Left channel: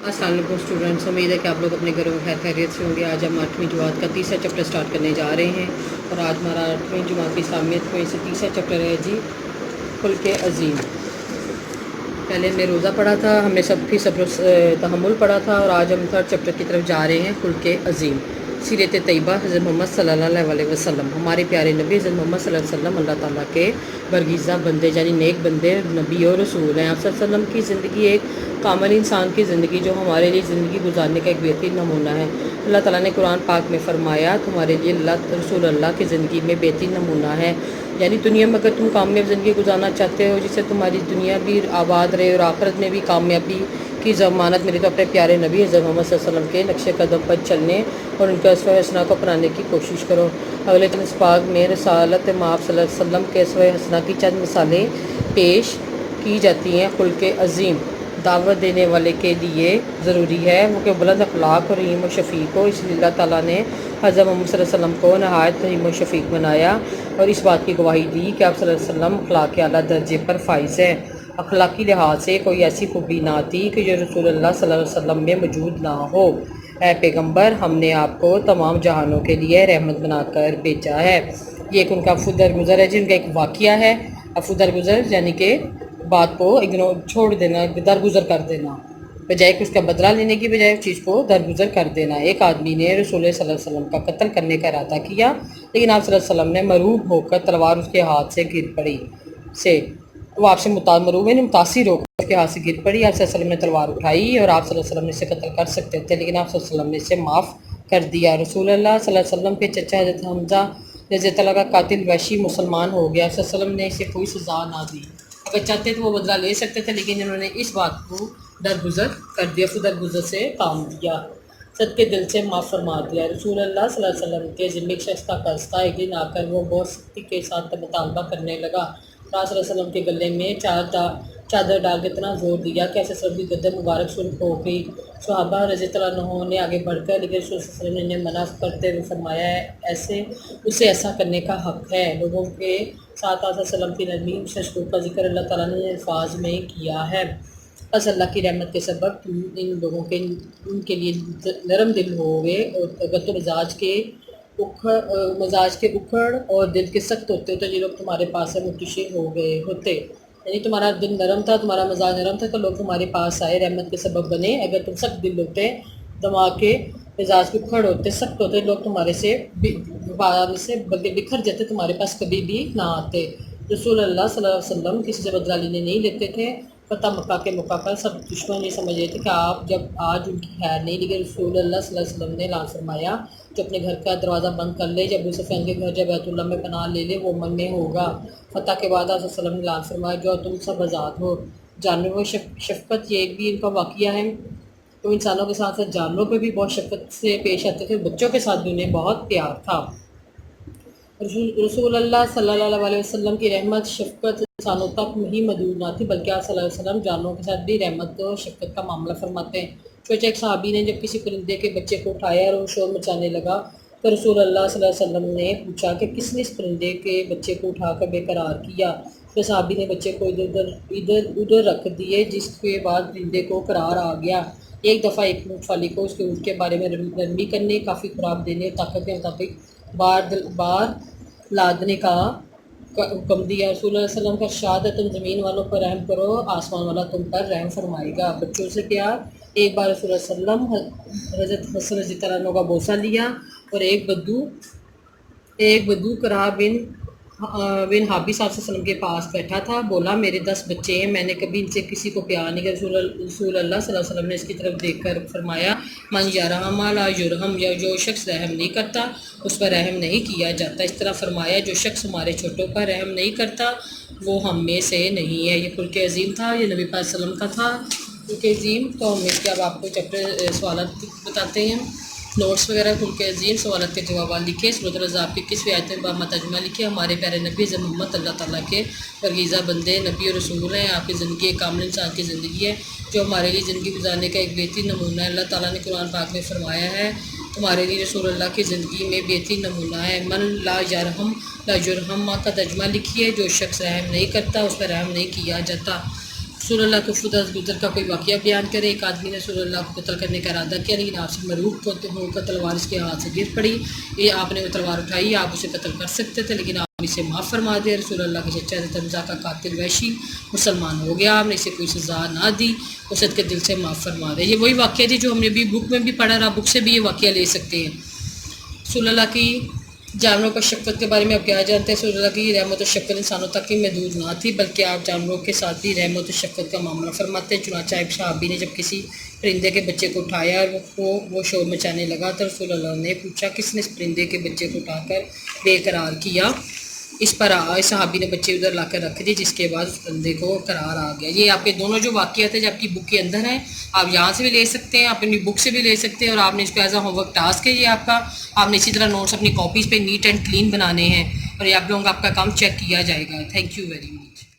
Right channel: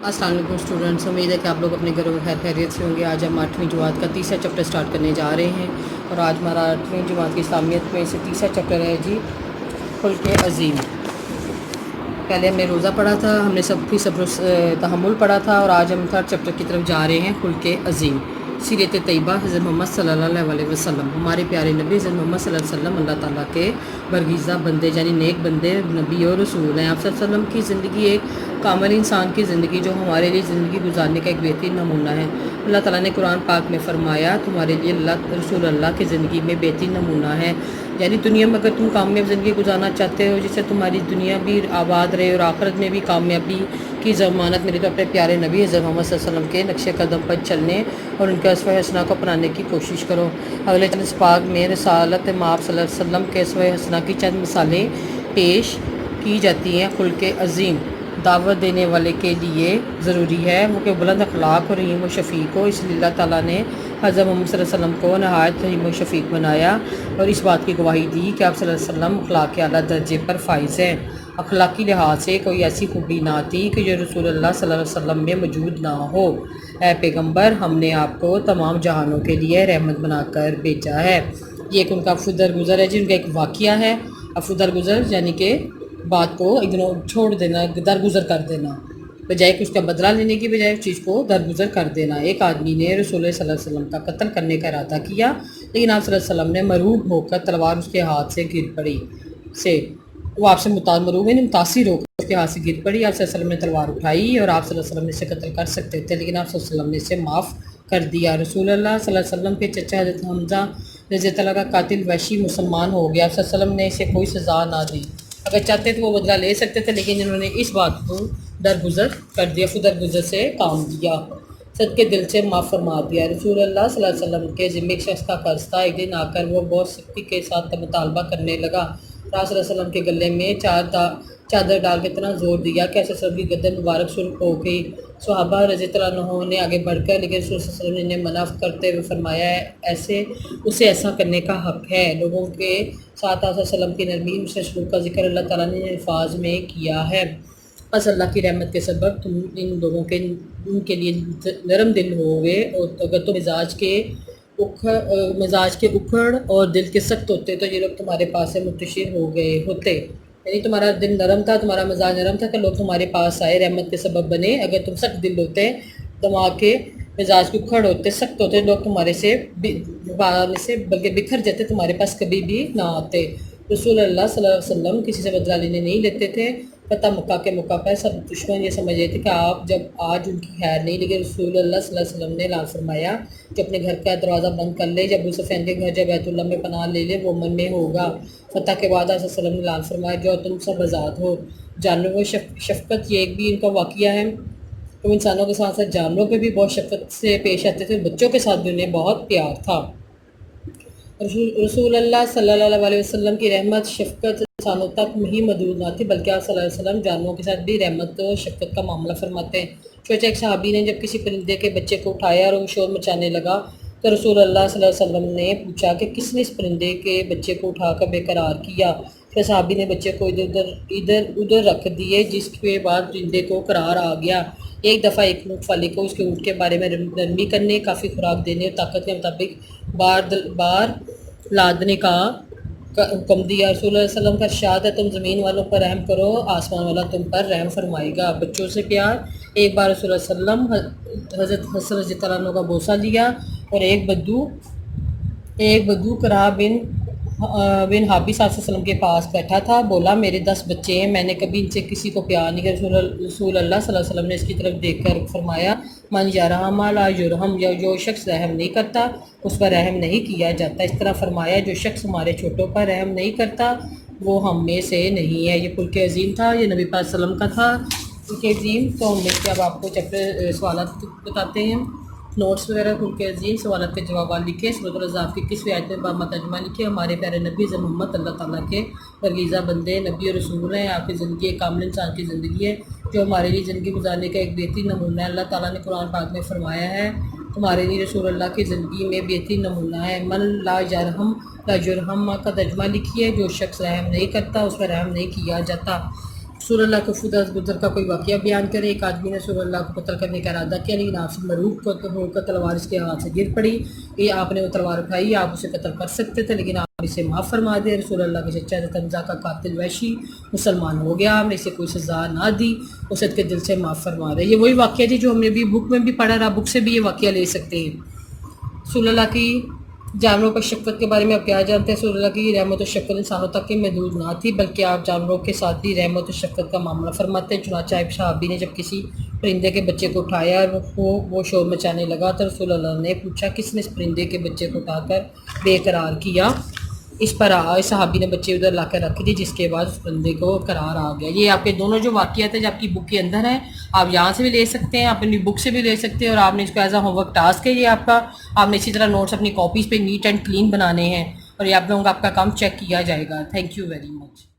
अस्सलाम वालेकुम स्टूडेंट्स, उम्मीद है कि आप लोग अपने घरों में खैर खैरियत से होंगे। आज हम 8वीं जमात का तीसरा चैप्टर स्टार्ट करने जा रहे हैं और आज हमारा 8वीं जमात की इस्लामियत में से तीसरा चैप्टर है जी खुल्क़ अज़ीम। पहले हमने रोज़ा पढ़ा था, हमने सब्र तहम्मुल पढ़ा था और आज हम थर्ड चैप्टर की तरफ जा रहे हैं खुल्क़ अज़ीम। सीरत तैयबा हज़रत मोहम्मद सल्लल्लाहु अलैहि वसल्लम, हमारे प्यारे नबी हज़रत मोहम्मद सल्लल्लाहु अलैहि वसल्लम अल्लाह ताला के बरगीज़ा बंदे यानी नेक बंदे नबी और रसूल हैं। आप सल्लल्लाहु अलैहि वसल्लम की ज़िंदगी एक कामिल इंसान की ज़िंदगी जो हमारे लिए ज़िंदगी गुजारने का एक बेहतरीन नमूना है। अल्लाह ताला ने कुरान पाक में फ़रमाया तुम्हारे लिए रसूल अल्लाह की ज़िंदगी में बेहतरीन नमूना है। यानी दुनिया में अगर तुम कामयाब ज़िंदगी गुजारना चाहते हो जिससे तुम्हारी दुनिया भी आबाद रहे और आखिरत में भी कामयाबी की ज़मानत मिले, तो अपने प्यारे नबी हज़रत मोहम्मद सल्लल्लाहु अलैहि वसल्लम के नक्शे कदम पर चलने और उनके अस्वे हसना को अपनाने की कोशिश करो। अगले चंद पाक में रसालत माप सल्लल्लाहु अलैहि वसल्लम के अस्वे हसना की चंद मिसालें पेश की जाती हैं। खुल्क़ अज़ीम दावत देने वाले के लिए ज़रूरी है वो कि बुलंद अखलाक और रहीम और शफ़ीक हो। इसलिए अल्लाह ताला ने हज़रत मोहम्मद सल्लल्लाहु अलैहि वसल्लम को नहायत रहीम और शफ़ीक बनाया और इस बात की गवाही दी कि आप सल्लल्लाहु अलैहि वसल्लम अखलाक के आला दर्जे पर फाइज़ हैं। अखलाकी लिहाज से कोई ऐसी खूबी ना थी कि जो रसूलुल्लाह सल्लल्लाहु अलैहि वसल्लम में मौजूद ना हो। ए पैगम्बर, हमने आपको तमाम जहानों के लिए रहमत बनाकर भेजा है। ये एक उनका दरगुज़र है जी, उनका एक वाक़या है। अफू दरगुज़र यानी कि बात को इग्नोर छोड़ देना, दरगुज़र कर देना, बजाय कि उसका बदला लेने की बजाय उस चीज़ को दरगुज़र कर देना। एक आदमी ने रसूल सल्लल्लाहु अलैहि वसल्लम का कत्ल करने का इरादा किया, लेकिन आप सल्लल्लाहु अलैहि वसल्लम ने मरूब होकर तलवार उसके हाथ से गिर पड़ी से वो आपसे मरूब नहीं मुतासिर होकर उसके हाथ से गिर पड़ी। आप सल्लल्लाहु अलैहि वसल्लम ने तलवार उठाई और आप सल्लल्लाहु अलैहि वसल्लम ने इसे कत्ल कर सकते थे, लेकिन आप सल्लल्लाहु अलैहि वसल्लम ने इसे माफ़ कर दिया। रसूलुल्लाह सल्लल्लाहु अलैहि वसल्लम के चचा हज़रत हमज़ा रज़ी अल्लाह का कातिल वहशी मुसलमान हो गया। सल्लल्लाहु अलैहि वसल्लम ने इसे कोई सज़ा ना दी। अगर चाहते तो वो बदला ले सकते थे, लेकिन इन्होंने इस बात को दरगुज़र कर दिया, फिर दरगुज़र से काम दिया, सद के दिल से माफ़ फरमा दिया। रसूलुल्लाह सल्लल्लाहु अलैहि वसल्लम के ज़िम्मे एक शख्स का कर्ज था। एक दिन आकर वो बहुत सख्ती के साथ मुतालबा करने लगा। सल्लल्लाहु अलैहि वसल्लम के गले में चादर डाल के इतना ज़ोर दिया कि ऐसे सब की गर्दन मुबारक सुन हो गई। सहाबा रज़ी अल्लाह अन्हुम ने आगे बढ़कर, लेकिन रसूल सल्लल्लाहु अलैहि वसल्लम ने मना करते हुए फरमाया ऐसे उसे ऐसा करने का हक़ है। लोगों के साथ आप वसल्लम की नरमी से सलूक का जिक्र अल्लाह ताला ने अल्फाज में किया है। बस अल्लाह की रहमत के सबब तुम इन लोगों के उनके लिए नरम दिल होगे, और अगर तो मिजाज के उखड़ और दिल के सख्त होते तो ये लोग तुम्हारे पास से मुंतशिर हो गए होते। यानी तुम्हारा दिल नरम था, तुम्हारा मिजाज नरम था तो लोग तुम्हारे पास आए, रहमत के सबब बने। अगर तुम सख्त दिल होते, दिमाग के मिजाज के उखड़ होते, सख्त होते, लोग तुम्हारे से बल्कि बिखर जाते, तुम्हारे पास कभी भी ना आते। रसूलुल्लाह सल्लल्लाहु अलैहि वसल्लम किसी से बदला लेने नहीं लेते थे। फ़तह मक्का के मौका पर सब दुश्मन ये समझ रहे थे कि आप जब आज उनकी खैर नहीं, लेकिन रसूलुल्लाह सल्लल्लाहु अलैहि वसल्लम ने ऐलान फरमाया कि अपने घर का दरवाज़ा बंद कर ले, जब अबू सुफियान के घर जब बैतुल्लाह में पनाह ले ले वो मन में होगा। फ़तह के बाद आप वसल्लम ने ऐलान फरमाया जो तुम सब आज़ाद हो। जानवरों शफ़क़त ये एक भी इनका वाक़या है। तो इंसानों के साथ साथ जानवरों पे भी बहुत शफ़क़त से पेश आते थे, बच्चों के साथ भी उन्हें बहुत प्यार था। रसूलुल्लाह सल्लल्लाहु अलैहि वसल्लम की रहमत शफ़क़त इंसानों तक ही महदूद ना थी, बल्कि आप सल्लल्लाहु अलैहि वसल्लम जानवरों के साथ भी रहमत और शफ़क़त का मामला फरमाते हैं। सोचा एक सहाबी ने जब किसी परिंदे के बच्चे को उठाया और वो शोर मचाने लगा, तो रसूलुल्लाह सल्लल्लाहु अलैहि वसल्लम ने पूछा कि किसने इस परिंदे के बच्चे को उठाकर बेकरार किया। फिर सहाबी ने बच्चे को इधर उधर रख दिए, जिसके बाद परिंदे को करार आ गया। एक दफ़ा एक मूंगफली को उसके ऊँट के बारे में नरमी करने, काफ़ी खुराक देने और ताकत के मुताबिक बार लादने का हुक्म दिया। रसूलुल्लाह सल्लल्लाहु अलैहि वसल्लम का इरशाद है तुम ज़मीन वालों पर रहम करो, आसमान वाला तुम पर रहम फरमाएगा। बच्चों से प्यार। एक बार रसूलुल्लाह सल्लल्लाहु अलैहि वसल्लम हज़रत हसन रज़ी अल्लाह अन्हु का बोसा लिया और एक बद्दू कराह बिन हाबिस वसल्लम के पास बैठा था। बोला मेरे 10 बच्चे हैं, मैंने कभी इनसे किसी को प्यार नहीं किया। रसूलुल्लाह सल्लल्लाहु अलैहि वसल्लम ने इसकी तरफ देखकर फरमाया मन यरहम ला युरहम, जो शख्स रहम नहीं करता उस पर रहम नहीं किया जाता। इस तरह फरमाया जो शख्स हमारे छोटों पर रहम नहीं करता वो हम में से नहीं है। ये खुल्क़ अज़ीम था, ये नबी पाक सल्लल्लाहु अलैहि वसल्लम का था खुल्क़ अज़ीम। तो हम इसके अब आपको चैप्टर सवालात बताते हैं। नोट्स वगैरह खुल्क़ अज़ीम सवालात के जवाब लिखे। सूरत अल-अहज़ाब की 21वीं आयत में बामा तर्जुमा लिखे। हमारे प्यारे नबी मोहम्मद अल्लाह ताला के बरगीज़ा बंदे नबी और रसूल हैं। आपकी ज़िंदगी एक कामिल इंसान की ज़िंदगी है जो हमारे लिए ज़िंदगी गुजारने का एक बेहतरीन नमूना है। अल्लाह ताला ने कुरान पाक में फ़रमाया है तुम्हारे लिए रसूलुल्लाह की ज़िंदगी में बेहतरीन नमूना है। मन ला यरहम ला जुरहम का तर्जुमा लिखिए जो शख्स रहम नहीं करता उस पर रहम नहीं किया जाता। رسول اللہ کے خدا گزر کا کوئی واقعہ بیان کرے۔ ایک آدمی نے رسول اللہ کو قتل کرنے کا ارادہ کیا، لیکن آپ سے مروب ہو کر تلوار اس کے ہاتھ سے گر پڑی۔ یہ آپ نے وہ تلوار اٹھائی، آپ اسے قتل کر سکتے تھے، لیکن آپ اسے معاف فرما دے۔ رسول اللہ کے چچا تنزا کا قاتل وحشی مسلمان ہو گیا، آپ نے اسے کوئی سزا نہ دی، اسے کے دل سے معاف فرما دے۔ یہ وہی واقعہ تھی جو ہم نے بھی بک میں بھی پڑھا رہا، بک سے بھی یہ واقعہ لے سکتے ہیں۔ رسول اللہ کی جانوروں پر شفقت کے بارے میں آپ کیا جانتے ہیں؟ رسول اللہ کی رحمت و شفقت انسانوں تک ہی محدود نہ تھی، بلکہ آپ جانوروں کے ساتھ بھی رحمت و شفقت کا معاملہ فرماتے ہیں۔ چنانچہ ایک صحابی نے جب کسی پرندے کے بچے کو اٹھایا اور وہ شور مچانے لگا تو رسول اللہ نے پوچھا کس نے اس پرندے کے بچے کو اٹھا کر بے قرار کیا؟ اس پر صحابی نے بچے ادھر لا کر رکھ دی، جس کے بعد اس بندے کو قرار آ گیا۔ یہ آپ کے دونوں جو واقعات ہیں جو آپ کی بک کے اندر ہیں، آپ یہاں سے بھی لے سکتے ہیں، آپ اپنی بک سے بھی لے سکتے ہیں، اور آپ نے اس کو as a home work task ہے یہ آپ کا۔ آپ نے اسی طرح نوٹس اپنی کاپیز پہ نیٹ اینڈ کلین بنانے ہیں، اور یہ آپ لوگوں کا آپ کا کام چیک کیا جائے گا۔ Thank you very much.